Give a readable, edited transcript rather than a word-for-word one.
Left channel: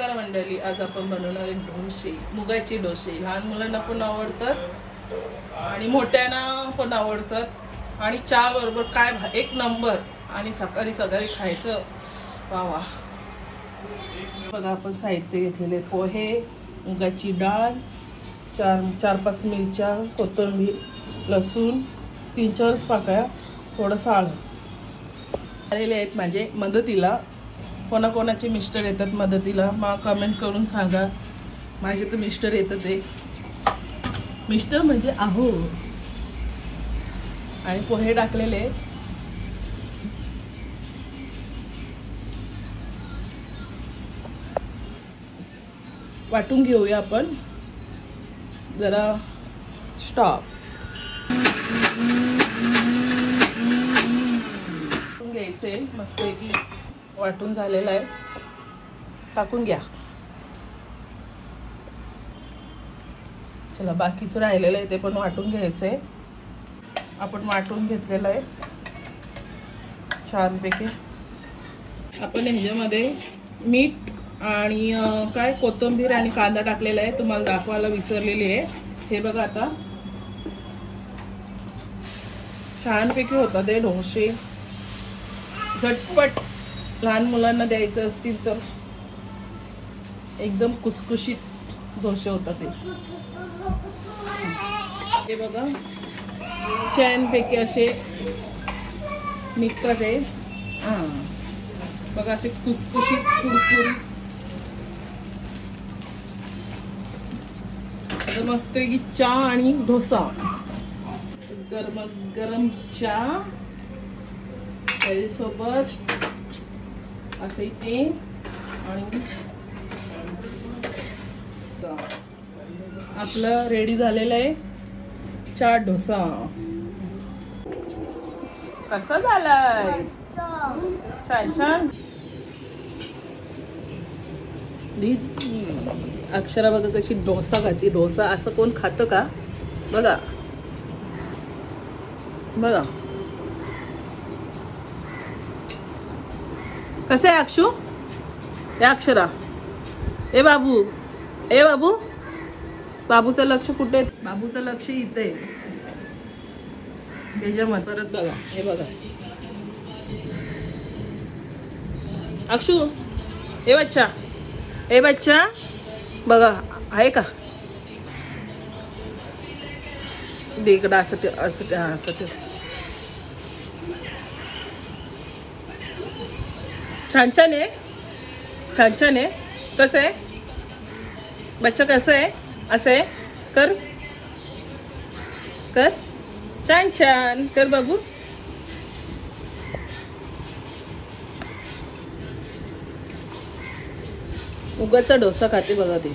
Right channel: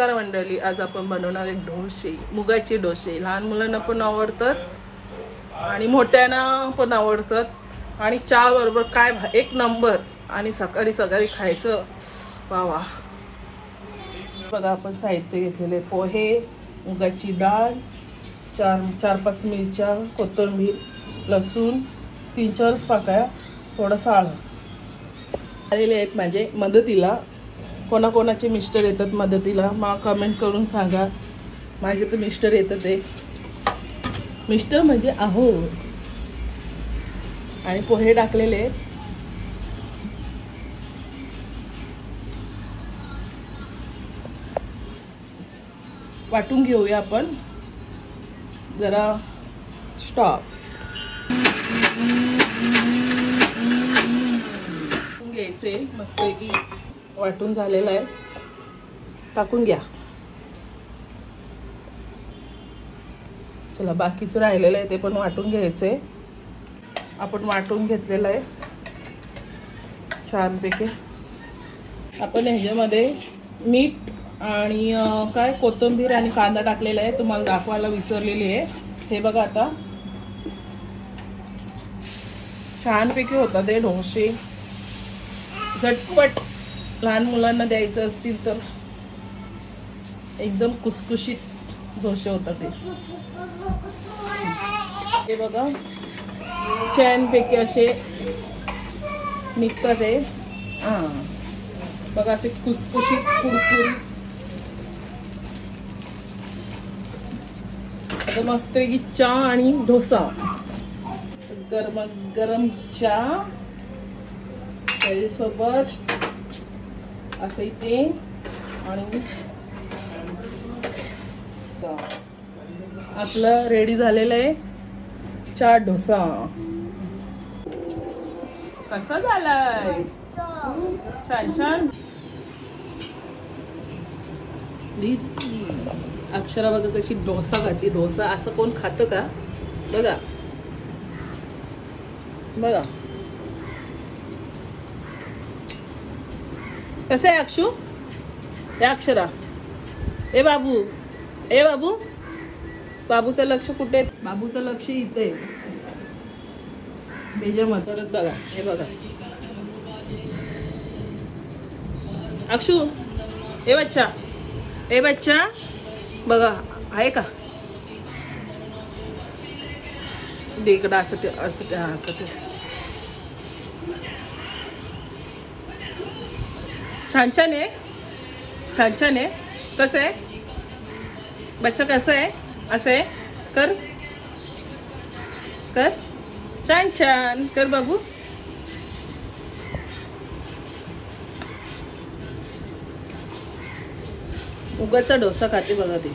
नमस्कार मंडळी, आज आपण बनवणार आहे डोसे, मुगाचे डोसे। लहान मुलांना पण आवडतात आणि मोठ्यांना पण आवडतात आणि चहा बरोबर काय एक नंबर। आणि सकाळी सकाळी खायचं वावा। बघा आपण साहित्य घेतलेले पोहे, मुगाची डाळ, चार पाच मिरच्या, कोथिंबीर, लसूण, 3-4 पाकळ्या, थोडासा हळद आलेले आहेत माझे मदतीला। कोणाकोणाचे मिस्टर येतात मदतीला मला कमेंट करून सांगा। माझे तर मिस्टर येतात आहे, मिस्टर म्हणजे आहो। आणि पोहे टाकलेले वाटून घेऊया आपण जरा। स्टॉप घ्यायचे मस्त की वाटून झालेलं आहे, टाकून घ्या। चला बाकीचं राहिलेलं आहे ते पण वाटून घ्यायचे। आपण वाटून घेतलेलं आहे छानपैकी। आपण ह्याच्यामध्ये मीठ आणि काय कोथिंबीर आणि कांदा टाकलेला आहे, तुम्हाला दाखवायला विसरलेली आहे। हे बघा आता छानपैकी होतात ते डोसे, झटपट लहान मुलांना द्यायचं असतील तर एकदम कुसकुशीत डोसे होतात हे बघा। छानपैकी असे निघतात ते, बघा असे कुसकुशीत कुरकुरीत। आता मस्त की चहा आणि डोसा, गरम गरम चहा त्याच्यासोबत असं इथे। आणि आपलं रेडी झालेलं आहे चहा डोसा। कसं झालंय? छान छान। अक्षरा बघा कशी डोसा खाते। डोसा असं कोण खातं का? बघा बघा कसं आहे अक्षू? ए अक्षरा, ए बाबू, ए बाबू, बाबूचं लक्ष कुठे? बाबूचं लक्ष इथे बेजमत। परत बघा हे बघा अक्षू, ए बच्चा, ए बच्चा बघा आहे का? देकडा असं ठेव, असं ठेव, असं ठेव। छान छान आहे, छान छान आहे। कसं आहे बच्चा? कसं आहे? असं आहे कर कर, छान छान कर बाबू। मुगाचा डोसा खाते बघा ते।